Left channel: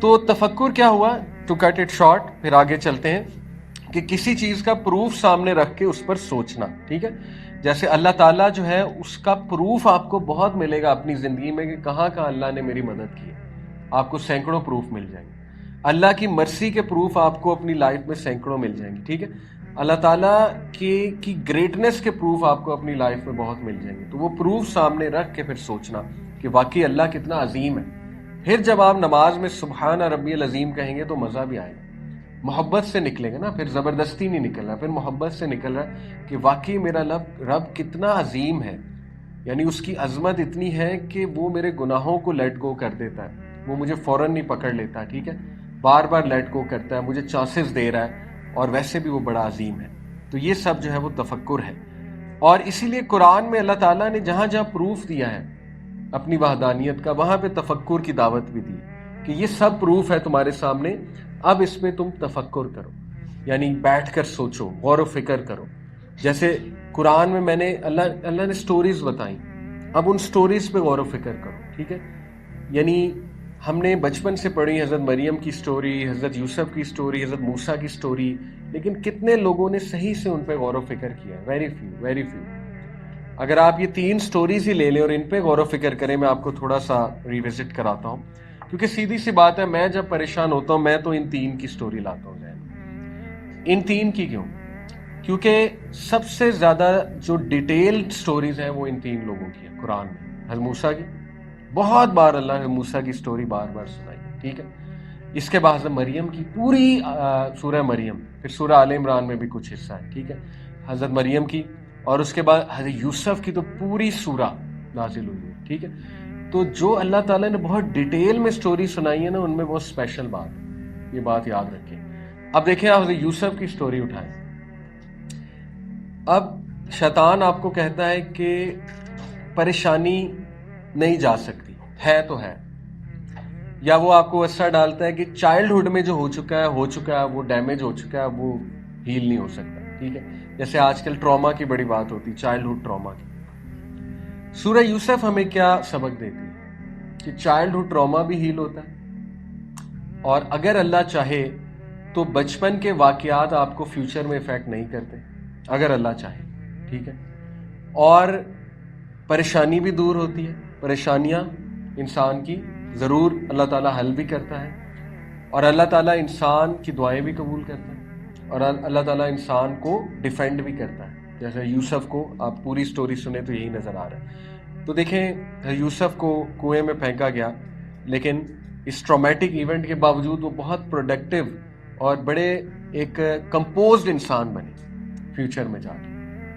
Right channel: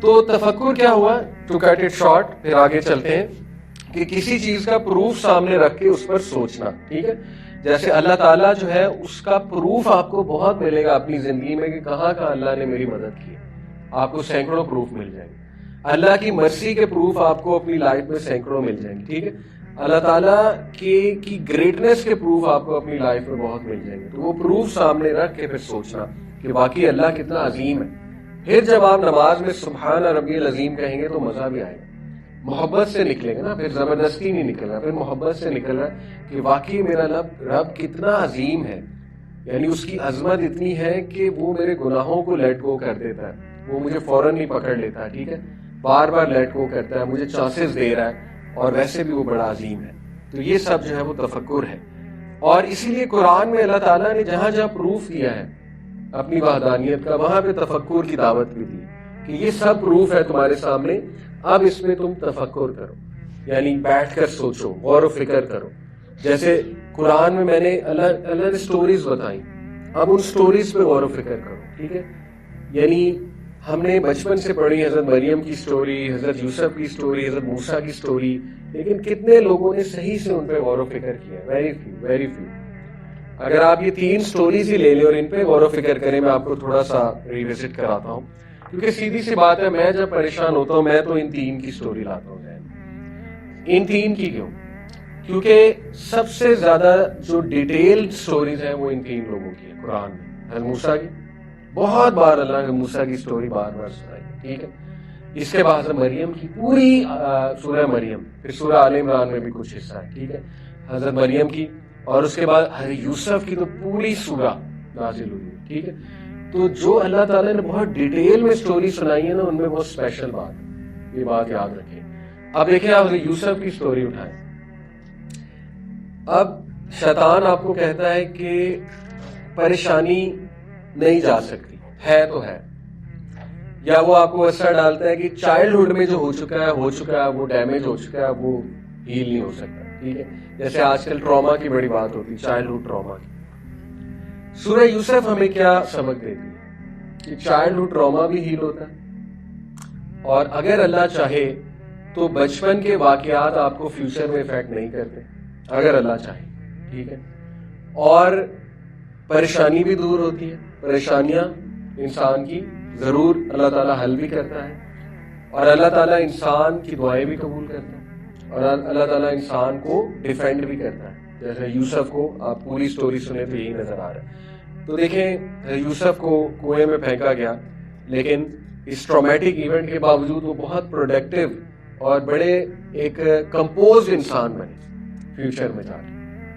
تو تفکر کیا ہوا؟ ٹو کٹ اٹ شارٹ، پھر آگے چلتے ہیں کہ کسی چیز کا پروف سامنے رکھ کے اس پر سوچنا. ٹھیک ہے، جیسے اللہ تعالیٰ جو ہے اس کا پروف آپ کو بہت ملے گا اپنی زندگی میں کہ کہاں کہاں اللہ نے میری مدد کی. آپ کو سینکڑوں پروف مل جائیں گے. اللہ کی مرسی کے پروف آپ کو اپنی لائف میں سینکڑوں مل جائیں گے. ٹھیک ہے، اللہ تعالیٰ کی گریٹنس کے پروف آپ کو اپنی لائف میں بہت مل جائیں گے. تو وہ پروف سامنے رکھ کے پھر سوچنا کہ واقعی اللہ کتنا عظیم ہے. پھر جب آپ نماز میں سبحان ربی العظیم کہیں گے تو مزہ بھی آئے گا. محبت سے نکلے گا نا، پھر زبردستی نہیں نکل رہا، پھر محبت سے نکل رہا کہ واقعی میرا رب کتنا عظیم ہے. یعنی اس کی عظمت اتنی ہے کہ وہ میرے گناہوں کو لیٹ گو کر دیتا ہے، وہ مجھے فوراً نہیں پکڑ لیتا. ٹھیک ہے، بار بار لیٹ گو کرتا ہے، مجھے چانسز دے رہا ہے، اور ویسے بھی وہ بڑا عظیم ہے. تو یہ سب جو ہے وہ تفکر ہے. اور اسی لیے قرآن میں اللہ تعالیٰ نے جہاں جہاں پروف دیا ہے اپنی وحدانیت کا، وہاں پہ تفکر کی دعوت بھی دی کہ یہ سب پروف ہے تمہارے سامنے، اب اس میں تم تفکر کرو، یعنی بیٹھ کر سوچو، غور و فکر کرو. جیسے قرآن میں نے اللہ نے سٹوریز بتائی، اب ان سٹوریز پہ غور و فکر کرو. ٹھیک ہے، یعنی ہم نے بچپن سے پڑھی حضرت مریم کی سٹوری، حضرت یوسف کی سٹوری، حضرت موسیٰ کی سٹوری، لیکن کتنے لوگوں نے صحیح سے ان پہ غور و فکر کیا؟ Very few, very few. اگر آپ یہ 3 سٹوریز ہی لے لیں اور ان پہ غور و فکر کریں، میں آپ کو تھوڑا سا ریوزٹ کراتا ہوں، کیونکہ سیدھی سی بات ہے، میں جب پریشان ہوتا ہوں میں تو ان 3 کی سٹوری لاتا ہوں. ان 3 کی کیوں؟ کیونکہ سب سے زیادہ جو ڈیٹیلڈ سٹوریز ہیں وہ ان 3 لوگوں کی ہے قرآن میں. موسیٰ کی بہت بار اللہ نے موسیٰ کی سٹوری بار بار سنائی. ٹھیک ہے، اس کے بعد حضرت مریم کی پوری سورہ مریم، پھر سورہ آل عمران میں بھی کچھ حصہ ہے. ٹھیک ہے، حضرت مریم کی، اور اس کے بعد حضرت یوسف کی تو پوری سورہ نازل ہوئی. ٹھیک ہے، تو جو اللہ تعالیٰ نے بہت ڈیٹیل میں سٹوری سنائی ہے نا، ان میں بہت اسپیشل بات ہے، یہ بات یاد رکھیں. اب دیکھیں آپ حضرت یوسف کی سٹوری اٹھائیں. اب شیطان آپ کو کہتا ہے کہ پریشانی نہیں جا سکتی، ہے تو ہے، یا وہ آپ کو ایسا ڈالتا ہے کہ چائلڈہڈ میں جو ہو چکا ہے وہ ڈیمیج ہو چکا ہے، وہ ہیل نہیں ہو سکتا. ٹھیک ہے، جیسے آج کل ٹراما کی بڑی بات ہوتی ہے، چائلڈہڈ ٹراما کی. سورہ یوسف ہمیں کیا سبق دیتی ہے کہ چائلڈہڈ ٹراما بھی ہیل ہوتا ہے، اور اگر اللہ چاہے تو بچپن کے واقعات آپ کو فیوچر میں افیکٹ نہیں کرتے، اگر اللہ چاہے. ٹھیک ہے، اور پریشانی بھی دور ہوتی ہے. پریشانیاں انسان کی ضرور اللہ تعالیٰ حل بھی کرتا ہے، اور اللہ تعالیٰ انسان کی دعائیں بھی قبول کرتا ہے، اور اللہ تعالیٰ انسان کو ڈیفینڈ بھی کرتا ہے. جیسے یوسف کو آپ پوری سٹوری سنیں تو یہی نظر آ رہا ہے. تو دیکھیں یوسف کو کنویں میں پھینکا گیا، لیکن اس ٹرامیٹک ایونٹ کے باوجود وہ بہت پروڈکٹیو اور بڑے ایک کمپوزڈ انسان بنے فیوچر میں جا کے.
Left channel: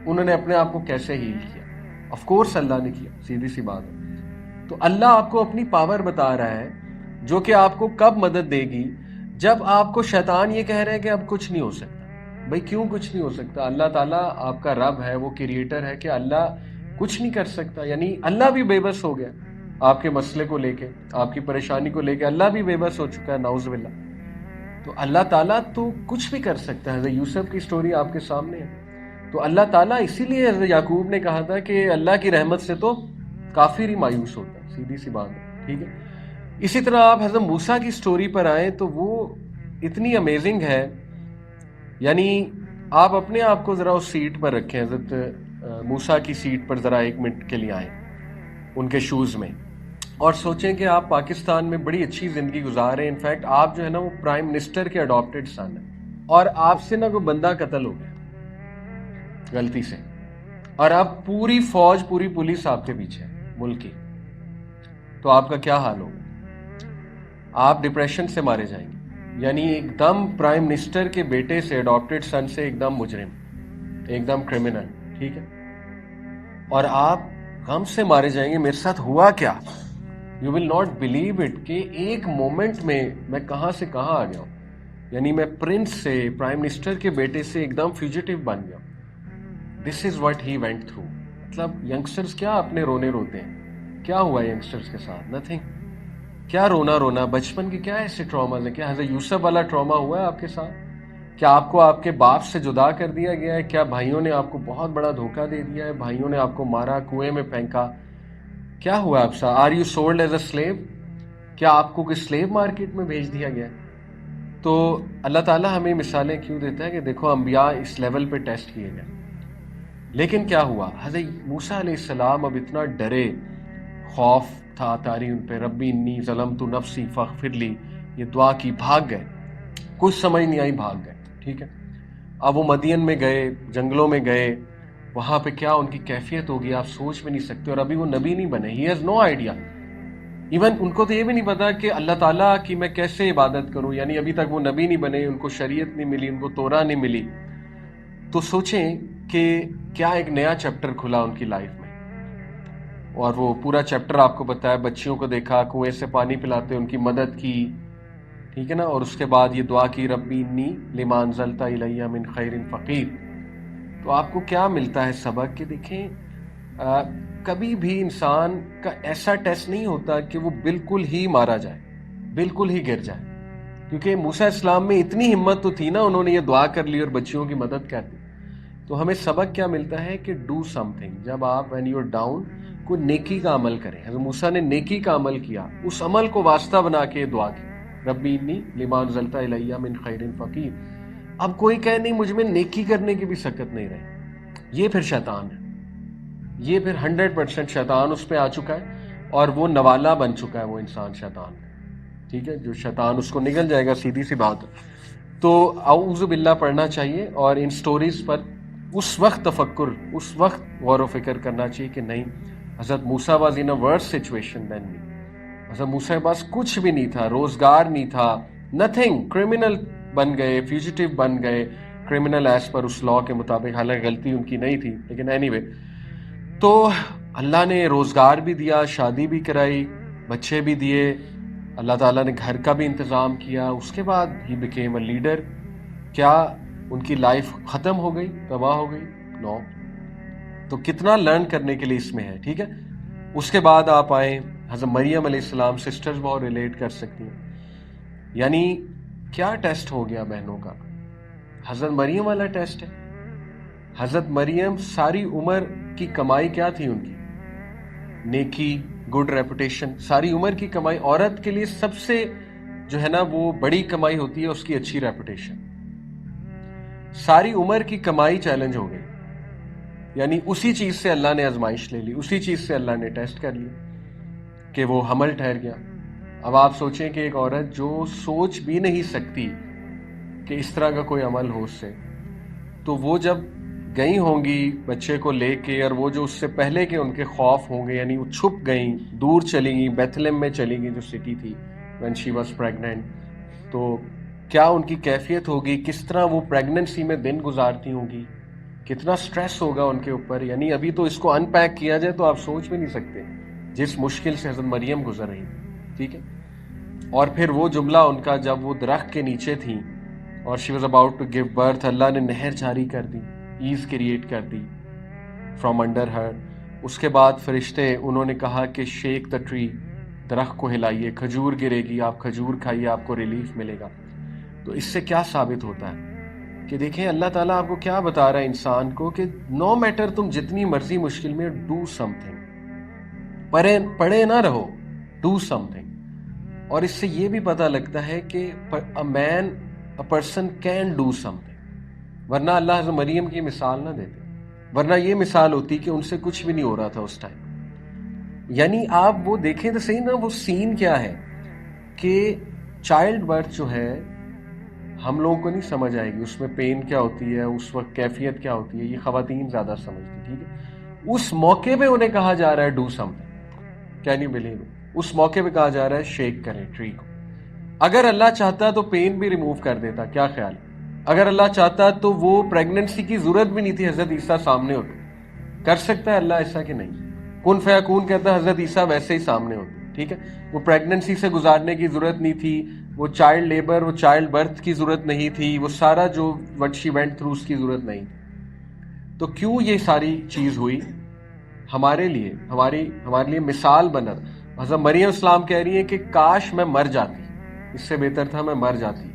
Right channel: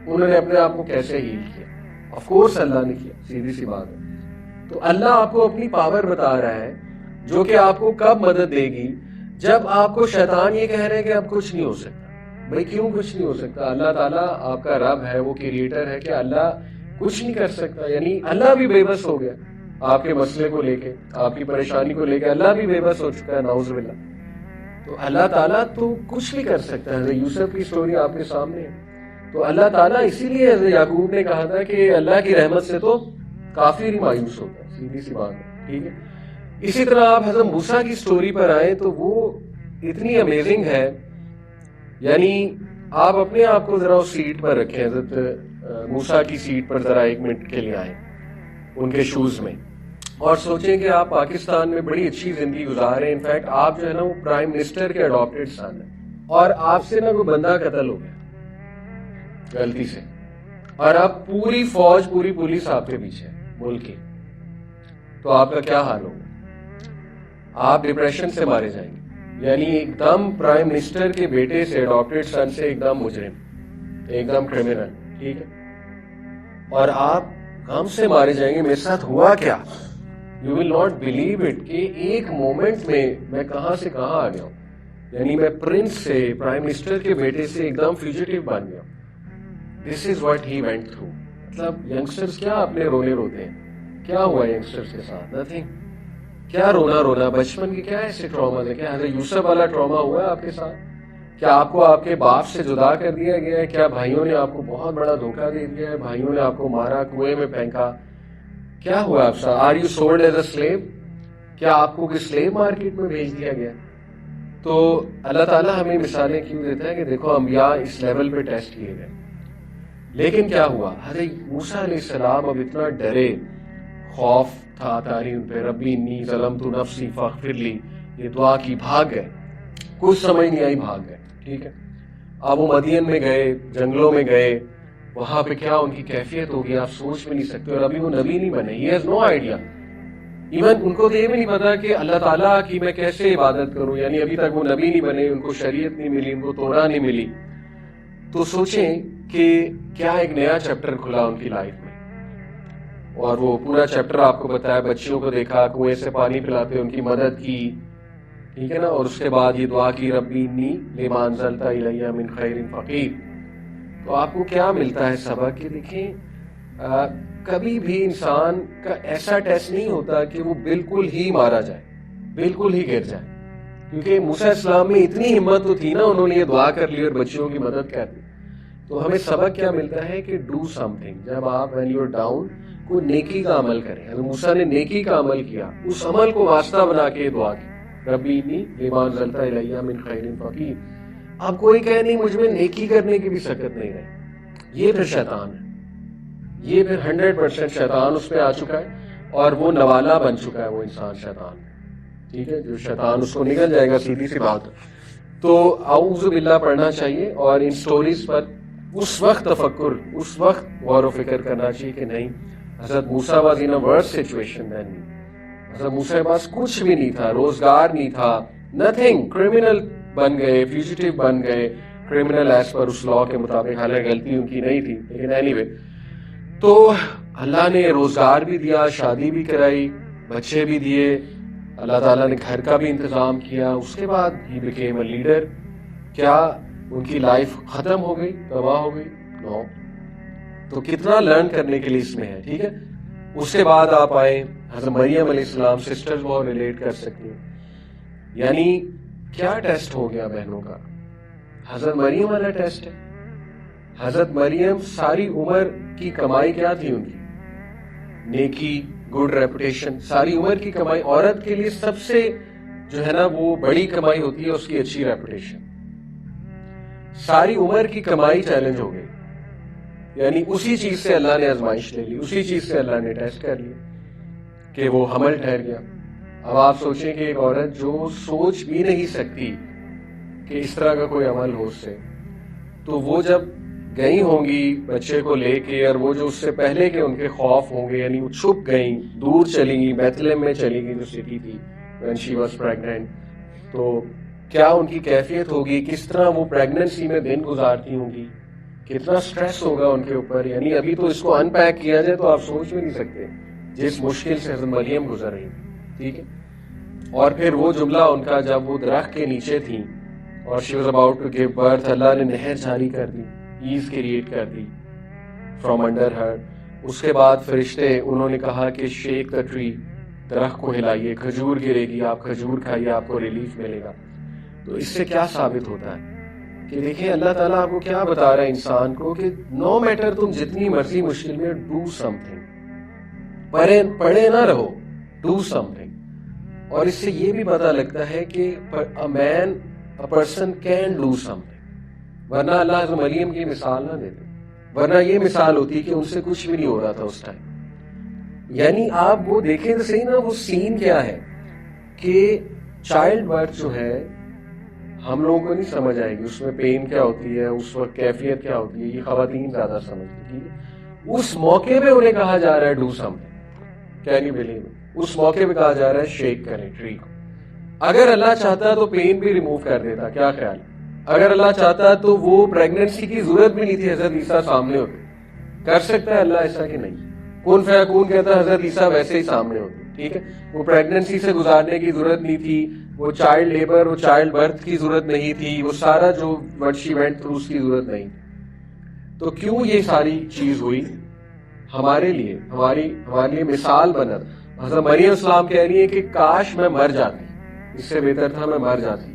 انہوں نے اپنے آپ کو کیسے ہیل کیا؟ آف کورس اللہ نے کیا، سیدھی سی بات ہے. تو اللہ آپ کو اپنی پاور بتا رہا ہے جو کہ آپ کو کب مدد دے گی؟ جب آپ کو شیطان یہ کہہ رہے ہیں کہ اب کچھ نہیں ہو سکتا. بھائی کیوں کچھ نہیں ہو سکتا؟ اللہ تعالیٰ آپ کا رب ہے، وہ کریٹر ہے، کہ اللہ کچھ نہیں کر سکتا؟ یعنی اللہ بھی بے بس ہو گیا آپ کے مسئلے کو لے کے، آپ کی پریشانی کو لے کے اللہ بھی بے بس ہو چکا ہے، نعوذ باللہ. تو اللہ تعالیٰ تو کچھ بھی کر سکتا ہے. حضرت یوسف کی سٹوری آپ کے سامنے ہے. تو اللہ تعالیٰ اسی لیے حضرت یعقوب نے کہا تھا کہ اللہ کی رحمت سے تو کافی مایوس ہوتا ہے، سیدھی سی بات ہے. ٹھیک ہے، اسی طرح آپ حضرت موسیٰ کی سٹوری پر آئیں تو وہ اتنی امیزنگ ہے. یعنی آپ اپنے آپ کو ذرا اس سیٹ پر رکھیں، حضرت موسیٰ کی سیٹ پر ذرا 1 منٹ کے لیے آئیں ان کے شوز میں، اور سوچیں کہ آپ پاکستان میں بڑی اچھی زندگی گزار رہے ہیں. انفیکٹ آپ جو ہے نا وہ پرائم منسٹر کے اڈاپٹیڈ سن ہیں، اور آپ سے نا کوئی بندہ قتل ہو گیا غلطی سے، اور آپ پوری فوج، پوری پولیس آپ کے پیچھے ملک کی. تو آپ کا کیا حال ہوگا؟ آپ ڈپریشن سے مارے جائیں گے. یعنی ایک دم پرائم منسٹر کے بیٹے سے، اڈاپٹیڈ سن سے ایک دم مجرم، ایک دم کرمنل. ٹھیک ہے، اور آپ غم سے مارے جائیں گے. میرے ساتھ ہوا کیا؟ You will not believe it کہ ایک مومنٹ میں کہاں سے کہاں آ گیا. یعنی میں پرنس سے، پرائم منسٹر کے بیٹے سے ایک دم فیوجیٹیو بن گیا. This is what he went through. مطلب ینگسٹرز کیا اپنے رونے روتے ہیں؟ کیا ہوا ینگسٹرز کے ساتھ؟ نتھنگ. کیا رونا بچپن کے کیا ایسے ٹراما ہے؟ کیا حضرت یوسف والا ٹراما ہوا ہے آپ کے ساتھ؟ کیا آپ کو آپ کے باپ سے جدا کر دیا گیا ہے؟ کیا بھائیوں نے آپ کو بہت بڑا دھوکہ دے دیا ہے؟ بھائیوں نے آپ کو مارا، کنویں میں پھینکا؟ کیا ہوا آپ ساتھ؟ Are you sold as a slave? کیا آپ کو سلیو مارکیٹ میں بھیج دیا گیا؟ تو اللہ تعالیٰ ہمیں مثالیں کیوں دیتا ہے کہ دیکھو انبیاء اس لیول پہ ٹیسٹ کیے گئے، لیکن کیا ہوا؟ حضرت موسیٰ علیہ السلام اب اتنا ڈرے، خوف تھا تعلیم پہ، ربی انی ظلمت نفسی فاغفر لی، یہ دعا کی، بھاگ گئے، کچھ سمجھ نہیں آئی، بھاگ گئے، ٹھیک ہے۔ اب وہ مدین میں گئے، جنگلوں میں گئے، وہاں پہ کیا ان کی کیفیت ہوگی آپ سوچ بھی نہیں سکتے، اور ابھی وہ نبی نہیں بنے، he has no idea, even in کو تو یہ بھی نہیں پتا کہ اللہ تعالیٰ کی میں کیسے عبادت کروں، یعنی ابھی تک وہ نبی نہیں بنے، ان کو شریعت نہیں ملی، ان کو توراہ نہیں ملی۔ تو سوچیں کہ کیا ایک نیا چیپٹر کھلا ان کی لائف میں، اور وہ پورا چیپٹر آپ کو پتا ہے، بچیوں کو دیکھا، کنویں سے پانی پلاتے ان کی مدد کی، ٹھیک ہے نا، اور اس کے بعد یہ دعا کی ربی انی لما انزلت الی من خیر فقیر۔ تو آپ کو کیا ملتا ہے سبق کہ دیکھیں کبھی بھی انسان کا ایسا ٹیسٹ نہیں ہوتا کہ وہ بالکل ہی مارا جائے، بالکل ہی گر جائے، کیونکہ موسیٰ السلام میں اتنی ہمت تو تھی نا، انہوں نے یہ دعا کر لی اور بچیوں کی مدد کر دی۔ تو ہمیں سبق کیا ملتا ہے کہ ڈو سم تھنگ، جب آپ when you're down کوئی نیکی کا عمل کریں۔ حضرت موسیٰ نے نیکی کا عمل کیا، اس عمل کو واسطہ بنا کے دعا کی، ربی انی لما انزلت الی من خیر فقیر۔ اب کوئی کہے نہیں مجھ میں نیکی کرنے کی بھی سکت نہیں ہے، یہ پھر شیطان ہے، یہ پھر 100% شیطان اس پہ آ چکا ہے، اور وہ نوالا بن چکا ہے وہ انسان شیطان، ٹھیک ہے، جو شیطان اس کو نگل جائے گا، سیدھی سی بات ہے۔ تو اعوذ باللہ پڑھنا چاہیے، اور ان سٹوریز پر اس وقت تفکر، اس وقت غور و فکر کرنا چاہیے کہ نہیں، حضرت موسیٰ was in a verse situation then می۔ حضرت موسیٰ کے پاس کچھ بھی نہیں تھا، روزگار نہیں تھا، نتھنگ، کرمنل بن گئے، فیوجیٹیو بن گئے، کرمنل ایز پر اس لاء کے مطابق، حالانکہ غلطی ان کی نہیں تھی، لیکن اینی وے، تو اللہ نے روزگار بھی دیا، شادی بھی کرائی، بچے بھی دیے، اللہ تعالیٰ نے گھر کا بھی انتظام کیا، اس کے بعد ہی بیکیم اے لیڈر۔ کیا ان کی لائف ختم ہو گئی، تباہ ہو گئی؟ نو۔ تو کتنا لرن کرنے کے لیے اس میں ہے، ٹھیک ہے۔ اس کے بعد آپ آئیں حضرت مریم علیہ السلام، سسٹر کو ریلیٹ کر سکتی ہیں، یعنی کیا ٹیسٹ ہو گیا بہنوں کا؟ حضرت مریم والا ٹیسٹ ہے۔ حضرت مریم ساری عمر کی کمائی کیا تھی ان کی؟ نیکی، گڈ ریپوٹیشن، ساری عمر کی کمائی۔ عورت کے لیے سب سے جو ہے نا وہ بڑی کمائی ہوتی ہے اس کی اچھی ریپوٹیشن۔ ساری عمر کی کمائی چیلنج ہو گئی، یعنی اسی چیز سے اللہ نے آزمائش لے لی، اسی چیز سے اللہ نے ٹیسٹ کر لیا کہ وہ حمل ٹھہر گیا۔ اب آپ سوچیں کہ ایک عورت جو سوچ بھی نہیں سکتی کہ اس طرح کا کوئی عمل ہو اس سے، تو وہ جب گئی ہوں گی بچے کو لے کے، اور وہ جو اس سے پہلے کے ان کے خوف ہوں گے، یعنی وہ چھپ گئیں، دور چلی گئی، بیتھلہم میں چلی گئی جو سٹی تھی when she was pregnant، تو کیا ان کی کیفیت ہوگی، کس طرح وہ پریگننسی میں دن گزارتی ہوں گی، کتنا سٹریس ہوگا ان کے اوپر، یعنی ابھی تو اس کو ان پیک کیا جائے تو آپ سوچ بھی نہیں سکتے جس مشکل سے حضرت مریم گزر رہی، ٹھیک ہے۔ اور پھر وہ جملہ ان کا جب وہ درخت کے نیچے تھیں اور she was about to give birth، اللہ نے نہر جاری کر دی، ایز کریٹ کر دی فرام انڈر ہر۔ اس کے بعد فرشتے انہوں نے کہا کہ شیک دا ٹری، درخت کو ہلائیے، کھجور گرے گی، آپ کھجور کھائیے، آپ کو ریلیف ملے گا۔ تو اس سے کیا ثابت ہوتا ہے کہ دیکھیں اللہ تعالیٰ آپ کو کیا بتا رہا ہے انسان کو کہ نو میٹر تم جتنی مرضی مشکل میں، ڈو سم تھنگ، پڑھے نہ رہو، ڈو سم تھنگ۔ اور اس سے یہ بھی پتہ لگتا ہے کہ a person can do something، ورنہ اللہ حضرت مریم کی مثال نہ دیتے، ورنہ یہ مثال ہوتی کہ ان سے کچھ بھی نہیں ہو رہا تھا اس ٹائم۔ یعنی آپ وہ دیکھیں تو صحیح نا، وہ سین کیا ہے کہ چائلڈ برتھ جو ہے ہم لوگوں کو نہیں سمجھ آئے گی، اس میں پین کیا ہوتی ہے، اس وقت کیفیت کیا ہوتی ہے، یہ خواتین زیادہ سمجھتی ہیں۔ اس موقع پہ انہیں کہا جا رہا ہے do something, can you believe? اس موقع پہ کہا جا رہا ہے شیک کریں ٹری کو۔ اگر اللہ چاہتا تو پین بھی ریموو کر دیتا، کیا خیال؟ اگر اللہ چاہتا تو وہ پریگننسی کی ضرورت بھی نہیں تھی، حضرت عیسیٰ سامنے ہوتے۔ کر سکتا ہے اللہ ایسا کہ نہیں؟ کن فیکون کہتا ہے حضرت عیسیٰ ویسے ہی سامنے ہوتے، ٹھیک ہے۔ وہ پریگننسی سے گزارنے کی ضرورت نہیں تھی، وہ چائلڈ لیبر، وہ چائلڈ برتھ کی ضرورت نہیں تھی، وہ سارا جو what she went through اس کی ضرورت نہیں تھی۔ تو کیوں یہ ساری چیز ہوئی؟ ہمارے لیے، ہمارے لیے مثال بنا۔ حضرت مریم السلام کہہ رہی ہے کہ کاش میں مر جاتی، اس سے بہتر تھا میں مر جاتی۔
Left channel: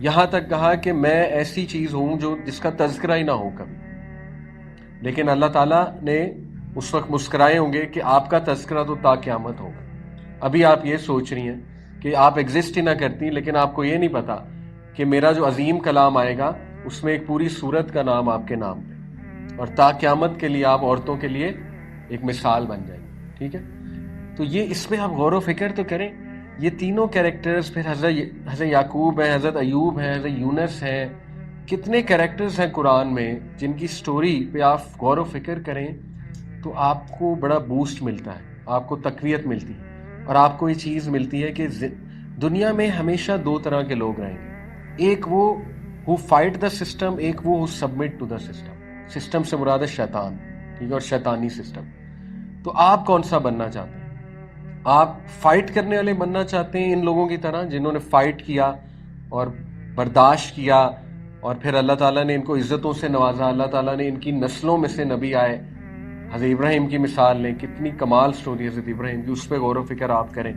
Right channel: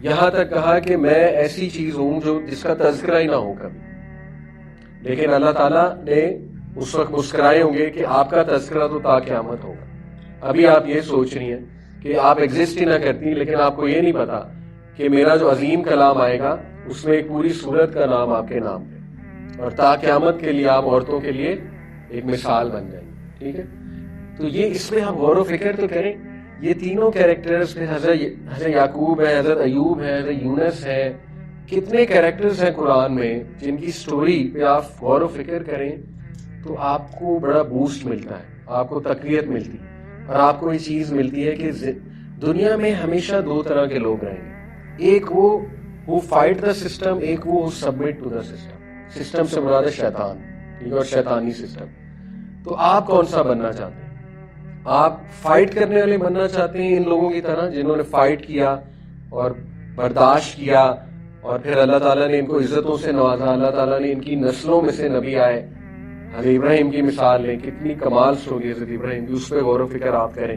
یہاں تک کہا کہ میں ایسی چیز ہوں جو جس کا تذکرہ ہی نہ ہو کر، لیکن اللہ تعالیٰ نے اس وقت مسکرائے ہوں گے کہ آپ کا تذکرہ تو تا قیامت ہوگا۔ ابھی آپ یہ سوچ رہی ہیں کہ آپ ایگزسٹ ہی نہ کرتی، لیکن آپ کو یہ نہیں پتا کہ میرا جو عظیم کلام آئے گا اس میں ایک پوری سورت کا نام آپ کے نام پہ، اور تا قیامت کے لیے آپ عورتوں کے لیے ایک مثال بن جائیں. ٹھیک ہے، تو یہ اس پہ ہم غور و فکر تو کریں. یہ تینوں کیریکٹرز پہ حضرت یعقوب ہے، حضرت ایوب ہے، حضرت یونس ہے، کتنے کیریکٹرز ہیں قرآن میں جن کی سٹوری پہ آپ غور و فکر کریں تو آپ کو بڑا بوسٹ ملتا ہے، آپ کو تقویت ملتی ہے، اور آپ کو یہ چیز ملتی ہے کہ دنیا میں ہمیشہ دو طرح کے لوگ رہیں گے. ایک وہ who fight the system، ایک وہ submit to the system. System سے مراد ہے شیطان، ٹھیک ہے، اور شیطانی سسٹم. تو آپ کون سا بننا چاہتے ہیں؟ آپ فائٹ کرنے والے بننا چاہتے ہیں ان لوگوں کی طرح جنہوں نے فائٹ کیا اور برداشت کیا، اور پھر اللہ تعالیٰ نے ان کو عزتوں سے نوازا، اللہ تعالیٰ نے ان کی نسلوں میں سے نبی آئے. حضرت ابراہیم کی مثال لیں، کتنی کمال سٹوری حضرت ابراہیم کی، اس پہ غور و فکر آپ کریں.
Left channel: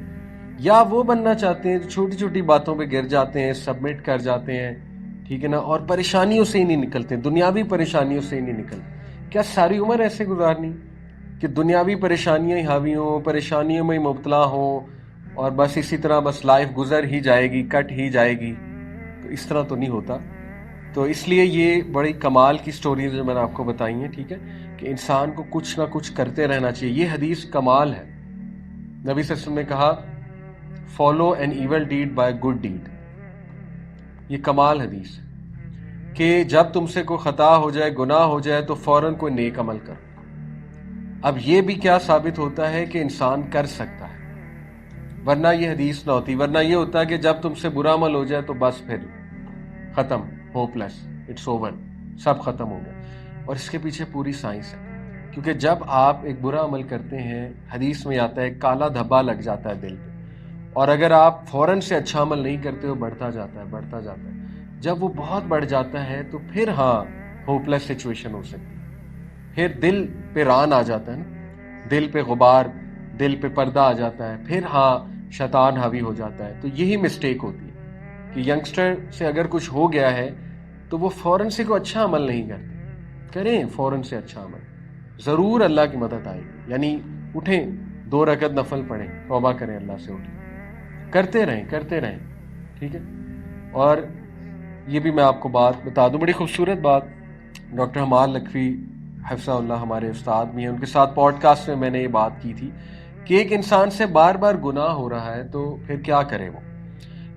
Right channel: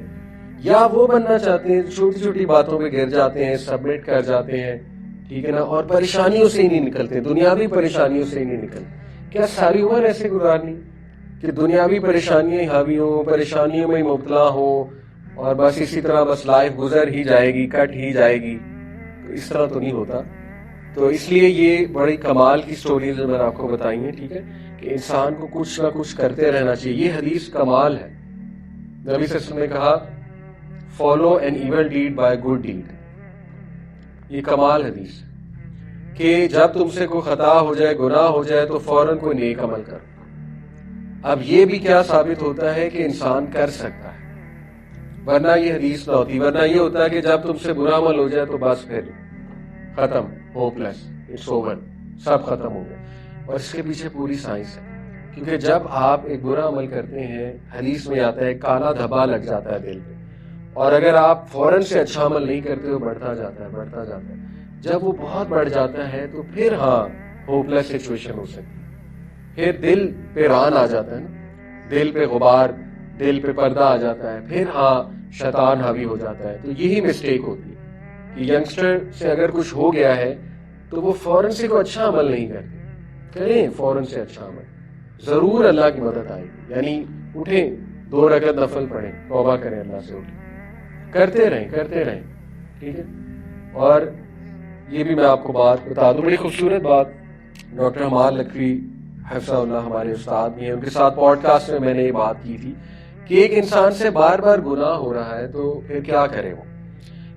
یا وہ بننا چاہتے ہیں چھوٹی چھوٹی باتوں پہ گر جاتے ہیں، سبمٹ کر جاتے ہیں، ٹھیک ہے نا، اور پریشانیوں سے ہی نہیں نکلتے، دنیاوی پریشانیوں سے ہی نہیں نکلتے. کیا ساری عمر ایسے گزارنی کہ دنیاوی پریشانیاں ہی حاوی ہوں، پریشانیوں میں مبتلا ہوں، اور بس اسی طرح بس لائف گزر ہی جائے گی، کٹ ہی جائے گی؟ تو اس طرح تو نہیں ہوتا. تو اس لیے یہ بڑی کمال کی سٹوریز جو میں نے آپ کو بتائی ہیں، ٹھیک ہے، کہ انسان کو کچھ نہ کچھ کرتے رہنا چاہیے. یہ حدیث کمال ہے. نبی صلی اللہ علیہ وسلم نے کہا follow an evil deed by good deed. یہ کمال حدیث کہ جب تم سے کوئی خطا ہو جائے، گناہ ہو جائے، تو فوراً کوئی نیک عمل کرو. اب یہ بھی کیا ثابت ہوتا ہے کہ انسان کر سکتا ہے، ورنہ یہ حدیث نہ ہوتی. ورنہ یہ ہوتا ہے کہ جب تم سے برا عمل ہو جائے تو بس پھر ختم، ہوپ لیس، اٹس اوور، سب ختم ہو گئے. اور اس کے پیچھے پوری سائنس ہے، کیونکہ جب آپ ایک برا عمل کرتے ہیں، حدیث میں آتا ہے کالا دھبا لگ جاتا ہے دل پہ، اور اگر آپ فوراً سے اچھا عمل نہیں کرتے ہو، بڑھتا جاتا ہے، بڑھتا جاتا ہے. جب وہ بہت بڑھ جاتا ہے تو پھر ہاں ہوپ لیس سچویشن ہو سکتی. پھر دل پہ ران آ جاتا ہے، دل پہ غبار، دل پہ پردہ آ جاتا ہے، پھر ہاں شیطان حاوی ہو جاتا ہے. تو یہی مسٹیک ہوتی ہے کہ ینگسٹر سے اگر کچھ ہو گیا ہے تو وہ فوراً سے کوئی اچھا عمل نہیں کریں. فوراً سے اچھا عمل، ضرور اللہ کی مدد آئے گی. یعنی اٹھیں، 2 رکعت نفل پڑھیں، توبہ کریں اللہ سے، اٹھیں، کرتے رہیں، ٹھیک ہے. اور یہ بھی میں آپ کو بات بتا دوں، بڑی خوبصورت بات. ڈاکٹر عمار لکھوی حفظہ اللہ ہمارے استاد بھی ہیں، ان کے ساتھ پوڈ کاسٹ میں نے یہ بات کی تھی کہ ایک انسان سے بار بار گناہ ہو رہا ہے تو پھر کیا کرے وہ.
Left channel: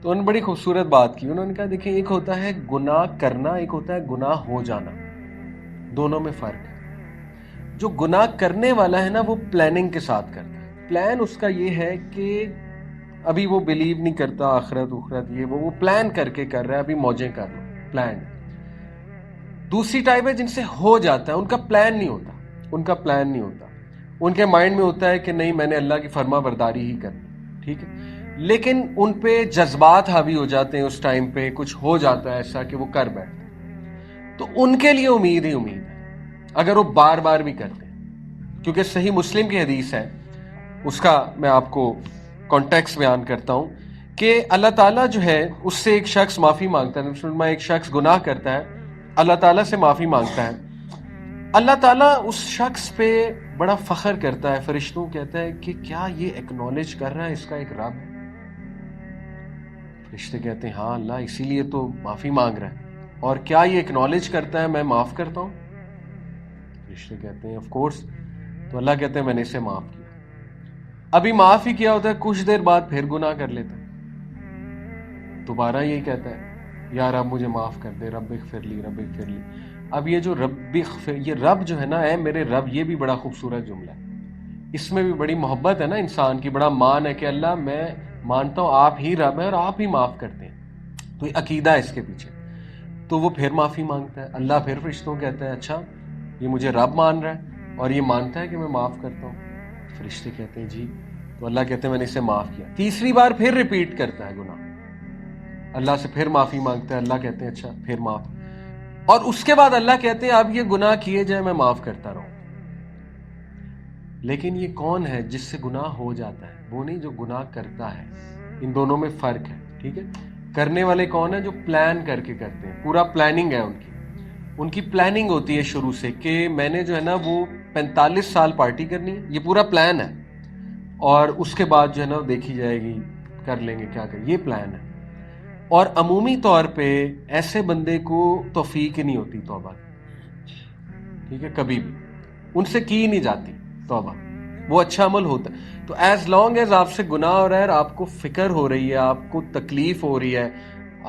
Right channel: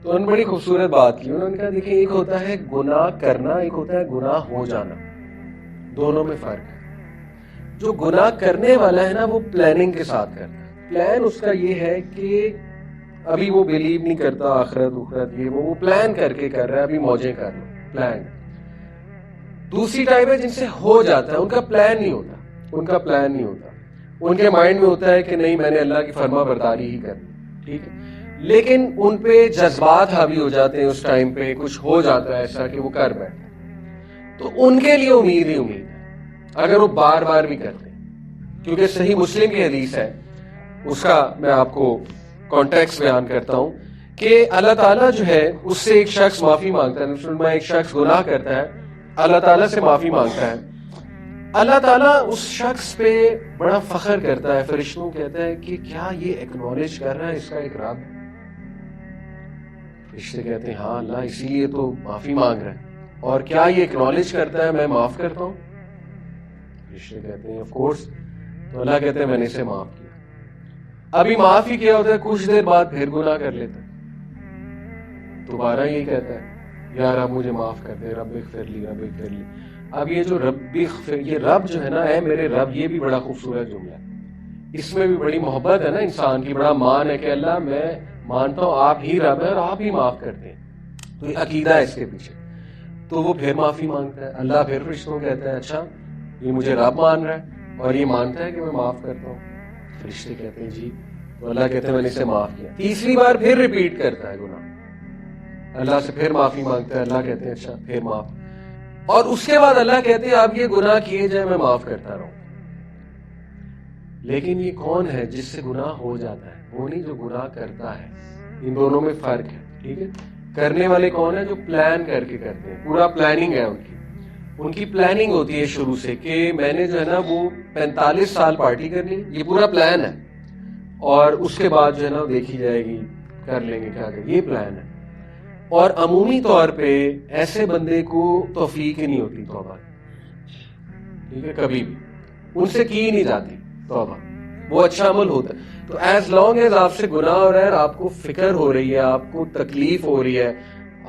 تو انہوں نے بڑی خوبصورت بات کی. انہوں نے کہا دیکھیں، ایک ہوتا ہے گناہ کرنا، ایک ہوتا ہے گناہ ہو جانا. دونوں میں فرق ہے. جو گناہ کرنے والا ہے نا، وہ پلاننگ کے ساتھ کرتا ہے. پلان اس کا یہ ہے کہ ابھی وہ بلیو نہیں کرتا آخرت اخرت، یہ وہ پلان کر کے کر رہا ہے، ابھی موجیں کر رہا ہے، پلان. دوسری ٹائپ ہے جن سے ہو جاتا ہے، ان کا پلان نہیں ہوتا. ان کے مائنڈ میں ہوتا ہے کہ نہیں، میں نے اللہ کی فرما برداری ہی کر، ٹھیک ہے، لیکن ان پہ جذبات حاوی ہو جاتے ہیں. اس ٹائم پہ کچھ ہو جاتا ہے ایسا کہ وہ کر بیٹھتے. تو ان کے لیے امید ہی امید ہے اگر وہ بار بار بھی کرتے. کیونکہ صحیح مسلم کی حدیث ہے، اس کا میں آپ کو کانٹیکس بیان کرتا ہوں کہ اللہ تعالیٰ جو ہے اس سے ایک شخص معافی مانگتا ہے. ایک شخص گناہ کرتا ہے، اللہ تعالیٰ سے معافی مانگتا ہے. اللہ تعالیٰ اس شخص پہ بڑا فخر کرتا ہے، فرشتوں کہتا ہے کہ کیا یہ ایکنالج کر رہا ہے اس کا ایک رب. فرشتے کہتے ہیں ہاں اللہ، اسی لیے تو معافی مانگ رہا ہے. اور کیا یہ ایکنالج کرتا ہے میں معاف کرتا ہوں؟ فرشتے کہتے ہیں آف کورس. تو اللہ کہتے ہیں میں نے اسے معاف کیا. ابھی معاف ہی کیا ہوتا ہے، کچھ دیر بعد پھر گناہ کر لیتا ہے، دوبارہ یہ کہتا ہے یا رب مجھے معاف کر دے، رب اغفر لی. اب یہ جو یہ رب جو ہے نا، اے میرے رب، یہ بھی بڑا خوبصورت جملہ ہے. اس میں بھی بڑی محبت ہے نا انسان کی، بڑا مان ہے کہ اللہ میں مانتا ہوں آپ ہی رب ہیں اور آپ ہی معاف کرتے ہیں. تو یہ عقیدہ ہے اس کے پیچھے. تو وہ پھر معافی مانگتا ہے. اللہ پھر فرشتوں کہتا ہے اچھا یہ مجھے رب مان رہا ہے اور یہ مانتا ہے کہ میں معاف کرتا ہوں. فرشتے کہتے ہیں جی. تو اللہ کہتے ہیں میں نے اسے معاف کیا. تیسری بار پھر ریپیٹ کرتا ہے گناہ، اللہ سے پھر معافی مانگتا ہے. اللہ کہتے ہیں اچھا پھر معاف. اور اس کے بعد اللہ کہتے ہیں اب یہ گناہ کیے جائے میں معاف کرتا رہوں. لیکن یہ کون ہے جس سے گناہ ہو جاتا ہے؟ وہ نہیں جو گناہ کرتا ہے. ان دونوں میں فرق ہے، ٹھیک ہے. کرنے والے کون ہیں؟ جو پلان کر کے کرتے ہیں، پورا پلاننگ ہے ان کی پلاننگ ہوتی ہے شروع سے کہ میں نے جو ہے نا وہ 45 سال پارٹی کرنی، یہ پورا پلان ہے. اور اس کے بعد جو ہے نا دیکھی جائے گی کر لیں گے کیا کریں، یہ پلان ہے. اور عمومی طور پہ ایسے بندے کو توفیق ہی نہیں ہوتی توبہ، ٹھیک ہے، کبھی بھی ان سے کی نہیں جاتی توبہ. وہ اچھا عمل ہوتا ہے تو ایز لانگ ایز آپ سے گناہ ہو رہا ہے، آپ کو فکر ہو رہی ہے، آپ کو تکلیف ہو رہی ہے،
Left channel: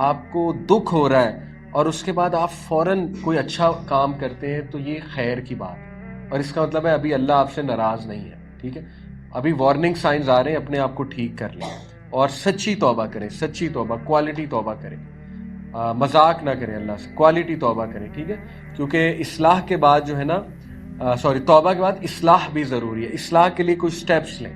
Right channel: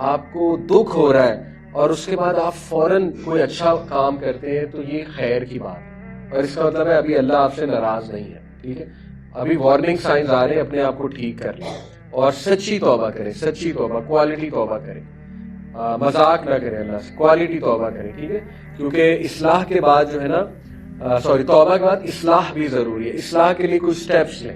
آپ کو دکھ ہو رہا ہے، اور اس کے بعد آپ فوراً کوئی اچھا کام کرتے ہیں تو یہ خیر کی بات ہے. اور اس کا مطلب ہے ابھی اللہ آپ سے ناراض نہیں ہے، ٹھیک ہے. ابھی وارننگ سائنز آ رہے ہیں، اپنے آپ کو ٹھیک کر لیں اور سچی توبہ کریں، سچی توبہ، کوالٹی توبہ کریں، مذاق نہ کریں اللہ سے، کوالٹی توبہ کریں، ٹھیک ہے. کیونکہ اصلاح کے بعد جو ہے نا، توبہ کے بعد اصلاح بھی ضروری ہے. اصلاح کے لیے کچھ سٹیپس لیں،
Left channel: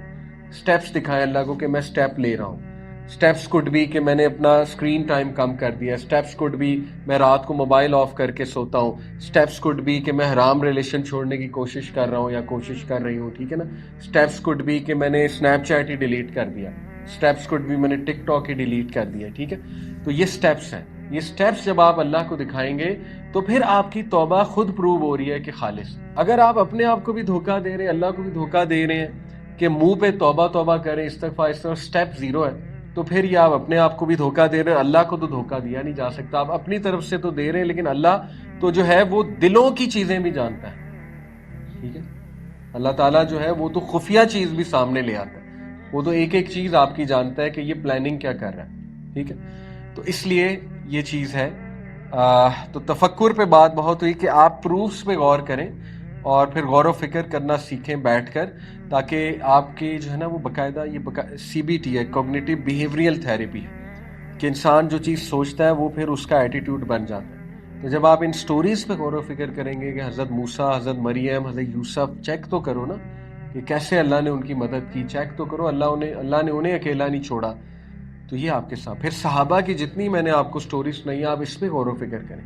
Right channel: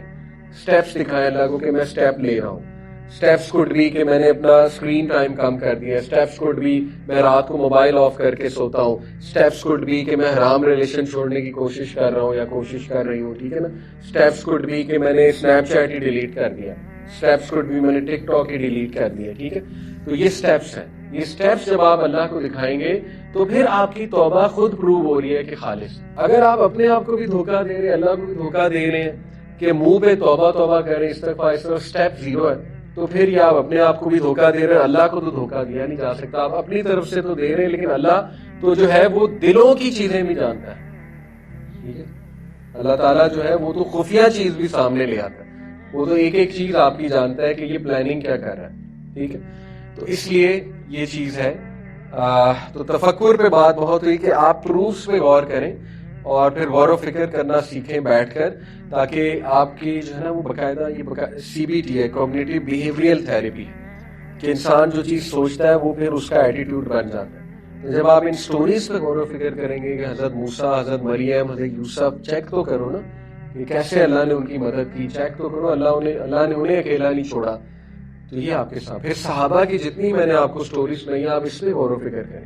سٹیپس دکھائیں اللہ کو کہ میں سٹیپ لے رہا ہوں. سٹیپس کوڈ بھی کہ میں نے اپنا اسکرین ٹائم کم کر دیا. سٹیپس کوڈ بھی میں رات کو موبائل آف کر کے سوتا ہوں. سٹیپس کوڈ بھی کہ میں حرام ریلیشن چھوڑنے کی کوشش کر رہا ہوں یا کوشش کر رہی ہوں، ٹھیک ہے نا. سٹیپس کوڈ بھی کہ میں نے اسنیپ چیٹ ہی ڈیلیٹ کر دیا. سٹیپس کوڈ بھی میں نے ٹک ٹاک ہی ڈیلیٹ کر دیا، ٹھیک ہے. تو یہ سٹیپس ہیں. یہ سٹیپس جب آپ اللہ کو دکھائیں گے تو پھر آپ کی توبہ خود پروو ہو رہی ہے کہ خالص. اگر آپ اپنے آپ کو بھی دھوکہ دے رہے ہیں، اللہ کو بھی دھوکہ دے رہے ہیں کہ منہ پہ توبہ توبہ کریں، استغفار، سٹیپ زیرو ہے، تو پھر یہ آپ اپنے آپ کو بھی دھوکہ دے رہے ہیں. اللہ کو تو دھوکہ دیا نہیں جا سکتا. آپ اپنی طرف سے تو دے رہے ہیں، لیکن اللہ تو جو ہے وہ دلوں کی چیزیں بھی جانتا ہے، ٹھیک ہے. اللہ تعالیٰ جو ہے وہ تو خفیہ چیز بھی سامنے لے آتا ہے. وہ تو ایک ایک چیز آپ کی جانتا ہے کہ یہ پلاننگ کیا کر رہا ہے، ٹھیک ہے. تو اس لیے یہ چیز ہے. تو تفکر پہ بات بہت ہوئی کہ آپ پروفس پہ غور کریں اور پھر غور و فکر کرنا سیکھیں بیٹھ کر، تاکہ آپ کی جو ہے نا وہ باقاعدہ یہ CBT ہے، کوگنیٹو بیہیویئرل تھیراپی، کہ انسان جو چیز سوچتا ہے وہ پھر اس کا ایٹیٹیوڈ بن جاتا ہے. تو جب آپ ان سٹوریز پہ غور و فکر کریں گے کہ حضرت موسیٰ، حضرت مریم، حضرت یوسف، چیک تو کرو نا کہ کیسے اللہ نے ان کی مدد کی، چیک تو کرو اللہ نے انہیں اکیلا نہیں چھوڑا. تو یہ آپ کے ساتھ پھر صحابہ کی جتنی میں نے آپ کو سٹوریز سنائی، آپ اس پہ غور و فکر کریں.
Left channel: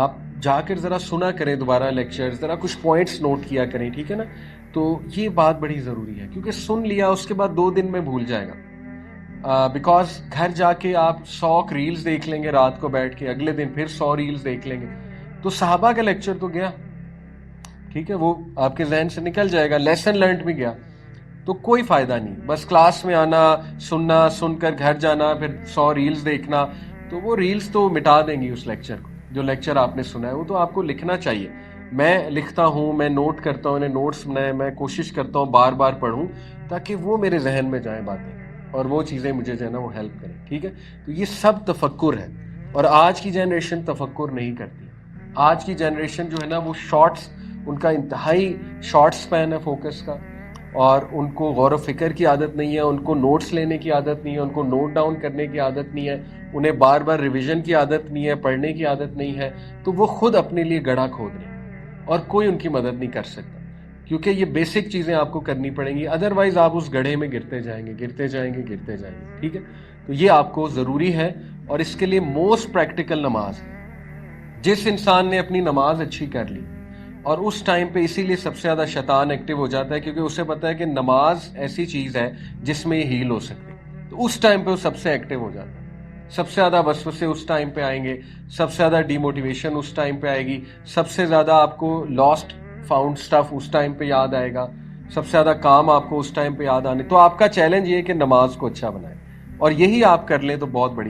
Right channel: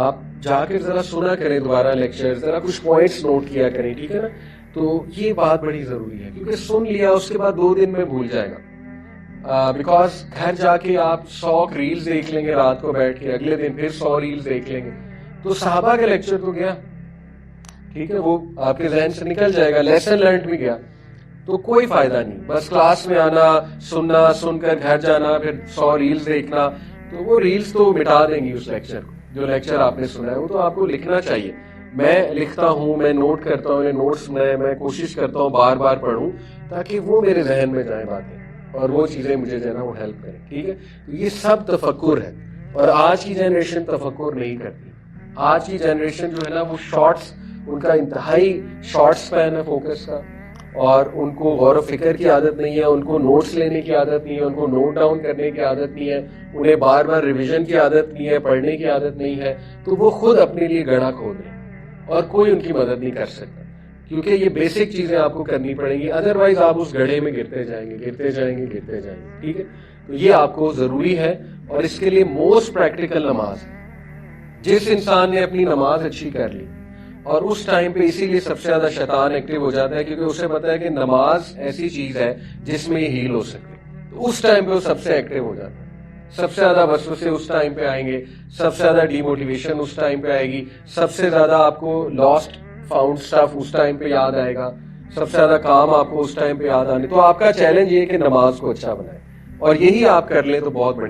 آپ جا کے ذرا سنا کریں دوبارہ لیکچر، ذرا کچھ پوائنٹس نوٹ کیا کریں، ٹھیک ہے نا. تو یہ بات بڑی ضروری ہے، کیونکہ سن لیا اس کے بعد 2 دن میں بھول جائے گا. بیکاز گھر جا کے آپ 100 ریلز دیکھ لیں گے رات کو بیٹھ کے، اگلے دن پھر 100 ریلز دیکھ لیں گے. تو صحابہ کا لیکچر تو گیا، ٹھیک ہے، وہ آپ کے ذہن سے نکل جائے گا، لیسن لرنڈ بھی گیا. تو کوئی فائدہ نہیں. بس کلاس میں آنا، سننا، سن کر گھر جانا، پھر 100 ریلز دیکھنا، تو وہ ریلز تو مٹا دیں گی اس لیکچر کو. جو لیکچر آپ نے سنا ہے وہ تو آپ کو لکھنا چاہیے. میں لکھتا ہوں، میں نوٹ کرتا ہوں، نوٹس میں کوشش کرتا ہوں بار بار پڑھوں تاکہ وہ میرے ذہن میں جائیں باتیں اور وہ چیزیں مجھے جو ہے نا وہ ہیلپ کریں، ٹھیک ہے. تو یہ سب تفکر ہے. اور آج کی جنریشن تفکر نہیں کرتی. آج کی جنریشن جو ہے نا وہ شارٹس، ان کا انتہائی شارٹ سپین ہے فوکس کا، اور ان کو غور و فکر کی عادت نہیں ہے، ان کو نوٹس لینے کی عادت نہیں ہے، ان کو نوٹ ڈاؤن کرنے کی عادت نہیں ہے، انہیں بار بار ریویژن کی عادت نہیں ہے، پڑھنے کی عادت نہیں ہے. تو وہ خود اپنے لیے گڑھا کھود رہے ہیں اور کوئی ان کی مدد نہیں کر سکتا، کیونکہ یہ بیسک چیزیں آپ کو کرنی پڑیں گی. ادروائز آپ اس گڑھے میں گرتے جائیں گے، گرتے جائیں گے، گرتے جائیں گے، ٹھیک ہے. تو یہ آپ کو ضروری ہے، اور اس کے لیے موسٹ پریکٹیکل نماز. جس انسان نے اپنی نماز اچھی کر لی، اور اس ٹائم پہ اسی لیے سب سے زیادہ شیطان ایکٹیو ہو جاتا ہے، کیونکہ اسے پتا ہے کہ نماز ایسی چیز ہے جس میں ہیل ہو سکتی ہے. تو اس ٹائم پہ وہ سب سے ایکٹیو ہو جاتا ہے. سب سے زیادہ وسوسے اس ٹائم پہ آئیں گے، سب سے زیادہ ڈیموٹیویشن اس ٹائم پہ آئے گی، سب سے زیادہ آپ کو لاسٹ فاؤنڈ سٹف اس ٹائم پہ یاد آئے گا، سب سے زیادہ کام آپ کو اس ٹائم پہ یاد آنے. تو آپ کا چیلنج یہ ہے کہ نماز کو اچھا بنائیں، اور یہی آپ کر لیں تو بہت بڑی